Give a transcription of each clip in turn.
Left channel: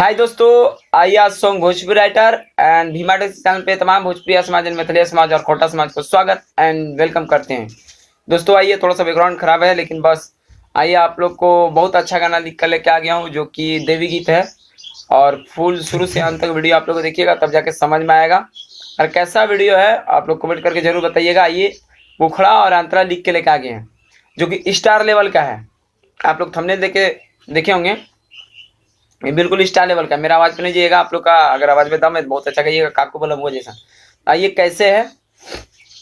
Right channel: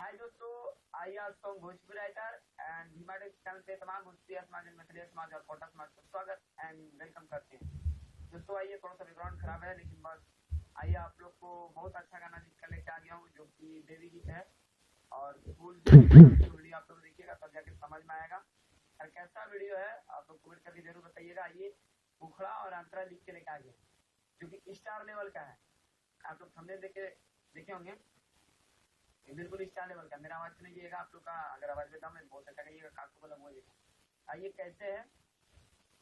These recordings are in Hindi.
हाय दोस्तों, आइए आज song Bhojpuri writer and Bhima टेक्स चैनल पे तमाम भोजपुरी समाज, मैथिली समाज और खोटा समाज को स्वागत एंड वेलकम करते हैं। दोस्तों आइए, थोड़ा सा बैकग्राउंड खराब है लेकिन बस आइए, आप लोग को बहुत अच्छा गाना लिख कर लेके आ गया हूँ जो कि देवी गीत है। और फुल शुरू से अंत तक वीडियो आप लोग को देखिएगा तब जाके समझ में आएगा। और कैसा वीडियो है आप लोग कमेंट करके जरूर बताइएगा। आइए, मुखड़ा और अंतरा लिख के लेके आ गए हैं जो कि स्टार लेवल का है। आप लोग थंबनेल देखे होंगे, ये बिल्कुल स्टार लेवल का। मेरा आवाज पे नहीं जाइएगा, आप लोग का अगर आवाज में दम है तो बहुत अच्छा कहिएगा, काकू बोला वो जैसा। आइए कैसे है,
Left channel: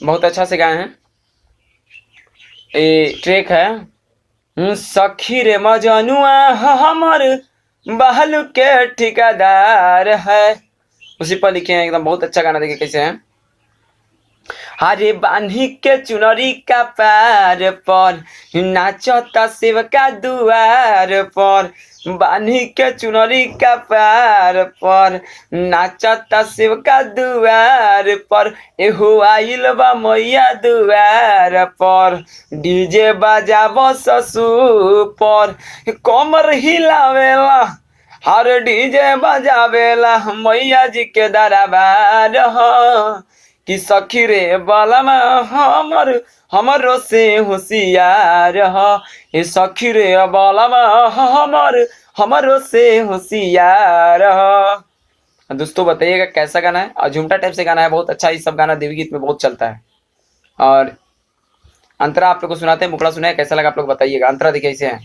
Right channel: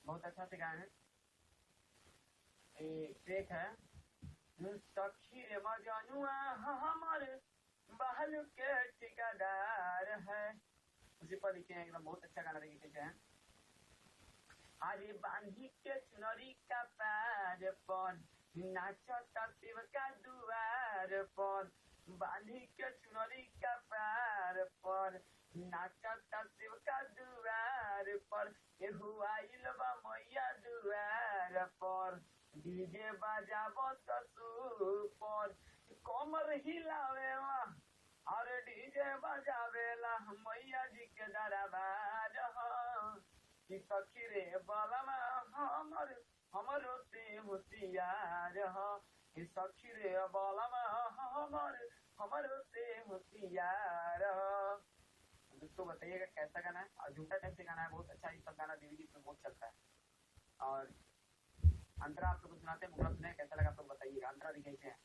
बहुत अच्छा से गाए हैं। ये ट्रैक है सखी रे मजनुआ हमर बहल के ठिकादार है, उसी पर लिखे हैं एकदम बहुत अच्छा गाना। देखिए कैसे है। हरे बान्ही के चुनरी का पार पर नाचता शिव का दुआर पर, बान्ही के चुनरी का पार पर नाचता शिव का दुआर पर, एहो आइल बा मैया दुआर पर, डीजे बजाबो ससुर पर, कमर हिलावेला हर डीजे बजावेला मैया जी के दरबार हो। कि सखी रे बालमा हमरो से होशियार ह, ये सखी रे बालमा हमरो से होशियार ह। दोस्तों बताइएगा कैसा गाना है, और झुमटा टाइप से गाना है, बहुत अच्छा। ये सब गाना देवी गीत में बहुत चलता है। और अंतरा आप लोग को सुनाते हैं, मुखड़ा सुना है, कैसा लगा आप लोग बताइएगा। अंतरा देखिए कैसे है।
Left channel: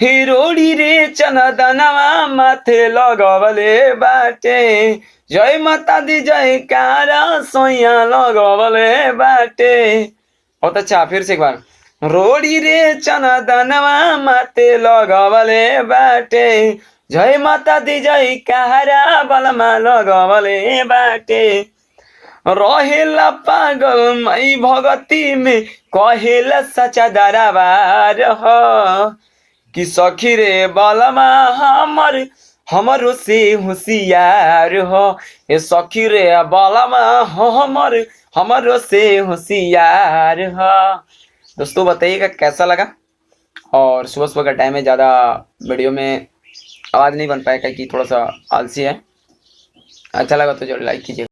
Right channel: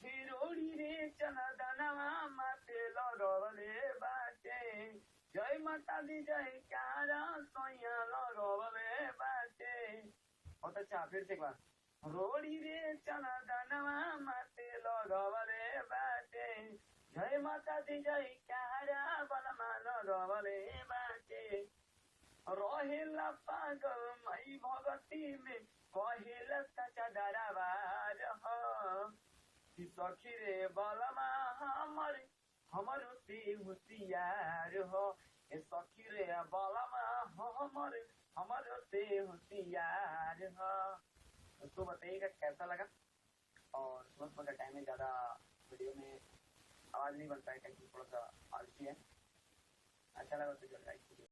हिरोड़ी रे चनदनवा माथे लगवले बाटे, जय माता दी जय कारा सोया लगवले बाटे। बहुत अच्छा, फिर से एक बार। रोड़ी रे चनदनवा माथे लगवले बाटे, जय माता दी जय कारा बलमा लगवले बाटे, रहेला पागल मई भगती में कहेला सचा दरबार हो। कि सखी रे बालमा हमरो से होशियार हो, ये सखी रे बालमा हमरो से होशियार हो। दोस्तों बताइएगा कैसा लगा। और सुबह सुबह का टाइम है, ज़्यादा वीडियो में आवाज़ नहीं बन पाएगा कि थोड़ा सा आलसी है। अच्छा लगा तो जरूर लाइक कीजिएगा।